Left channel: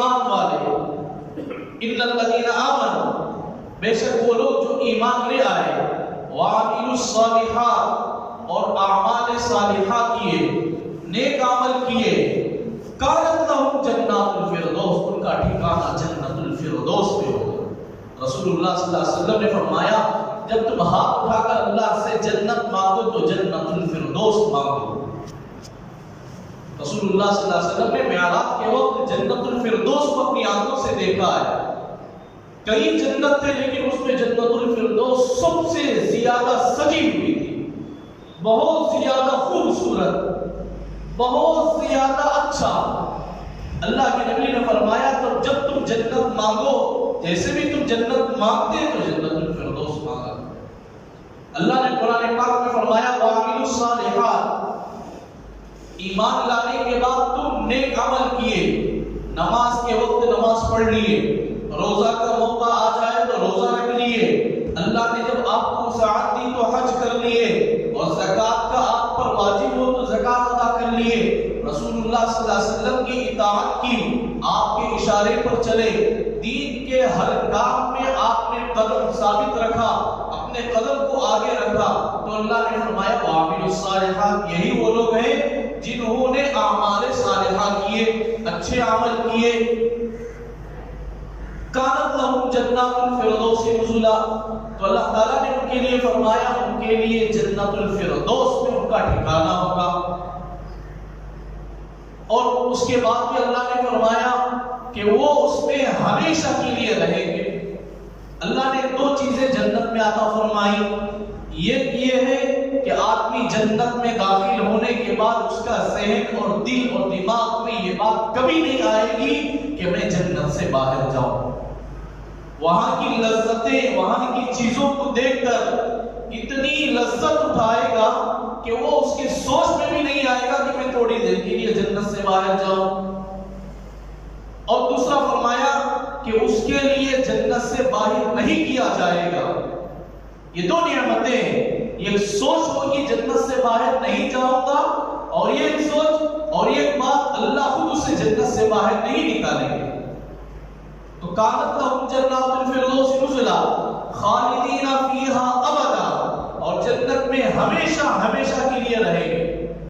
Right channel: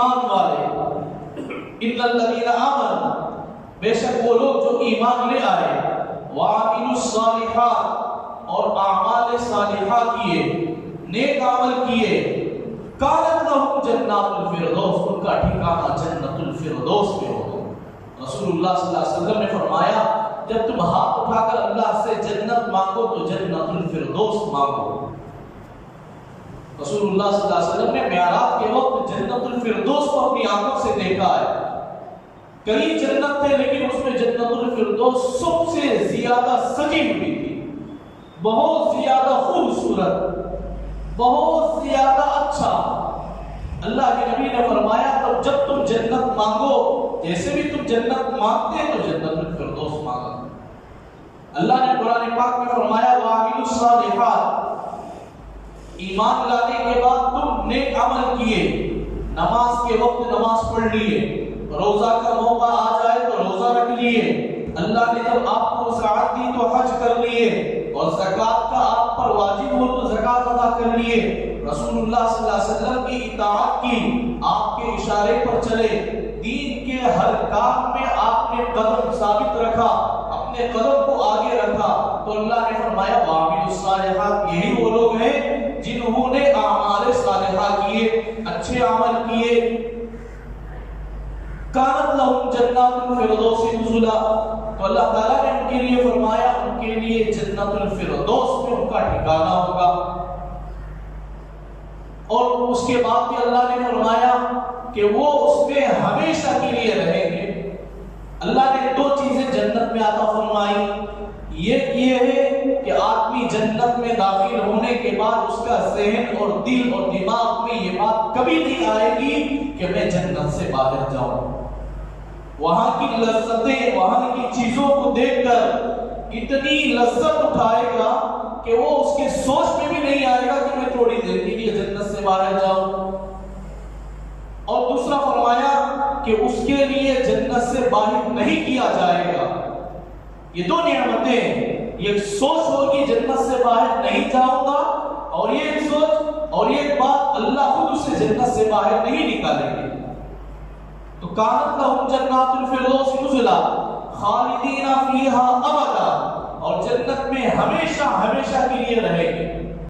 ایمان والے، ان الذین آمنوا، بے شک وہ لوگ جو ایمان لے آئے، وعملوا الصالحات، اور اعمال صالحہ کیے، نیک عمل کیے، کانت لہم جنات الفردوس، ان کا ٹھکانہ جنت الفردوس پہ ہوگا۔ رسول اللہ صلی اللہ علیہ وسلم نے فرمایا جب تم ہاتھ اٹھا کر اللہ سے جنت مانگو تو جنت الفردوس مانگو۔ رسول اللہ صلی اللہ علیہ وسلم نے معراج کے وقت جنت الفردوس کو اپنی آنکھوں سے دیکھا ہے۔ کئی جنت تھے لیکن اس میں جنت الفردوس سب سے زیادہ سجی ہوئی تھی، بہت زیادہ خوبصورت، بہت زیادہ اچھا۔ اللہ کے نبی نے فرمایا تب جب تم جنت مانگو، جیسے بھی تم جنت مانگتے تو جنت الفردوس مانگا۔ اللہ نے قرآن پاک میں فرمایا وَعَمِلُوا الصَّالِحَاتِ، ایمان لانے کے بعد تم نیک عمل کیے، نماز کے وقت نماز پڑھ لیے، روزہ کا موقع آ جائے تو روزہ رکھ لیے، اللہ نے جب آپ کو سعادت دی تو حج کر لیے، اور زکوٰۃ کا آپ پر واجب ہو تو زکوٰۃ ادا کر لیے، رسول اللہ صلی اللہ علیہ وسلم کی اطاعت کی، آپ کے اشارے پر چلے، دین کے ہر کام میں آپ نے قدم ثابت رکھا، اپنے قدم کو آگے رکھا، تو اللہ نے فرمایا وَعَمِلُوا الصَّالِحَاتِ، یہی وہ لوگ ہیں جنہوں نے اعمال صالحہ کیے، اچھے عمل کیے، کانت لہم جنات الفردوس نزلا، تو اللہ تعالیٰ نے ان کے لیے فرمایا ان کے لیے جنت الفردوس میں ان کا ٹھکانہ ہوگا۔ اور اس کے بعد بھی اللہ نے فرمایا کہ وہ اس میں ہمیشہ کے لیے رہیں گے۔ اللہ نے دو چیزیں جنت میں عطا فرمائی، یہ ہے کہ آدمی جنت میں داخل ہونے کے بعد اس کا ذہن اور دل اور دماغ میں یہ بات کبھی نہیں آئے گی کہ میں جنت سے باہر جاؤں۔ وہاں کی لذتیں، وہاں کی چیزوں کو دیکھ کر اتنی لذت اٹھائے گا کہ وہ اس کے سوچ میں بھی نہیں آئے گا کہ میں تھوڑی دیر کے لیے جنت سے باہر جاؤں۔ اور دوسرا فرمایا کہ اس کے لیے جنت سے باہر نہیں کیا جائے گا۔ یہ دو نعمتیں، یہ سوچ ہوگی جنت سے باہر نہیں جاؤں گا، اور یہ سوچ اور یہ بات اللہ خود اسے جنت سے باہر نہیں نکالیں گے۔ تو کانت لہم جنات الفردوس نزلا خالدین فیہا ابدا، اور جنت میں ہمیشہ ہمیشہ کے لیے رہیں گے۔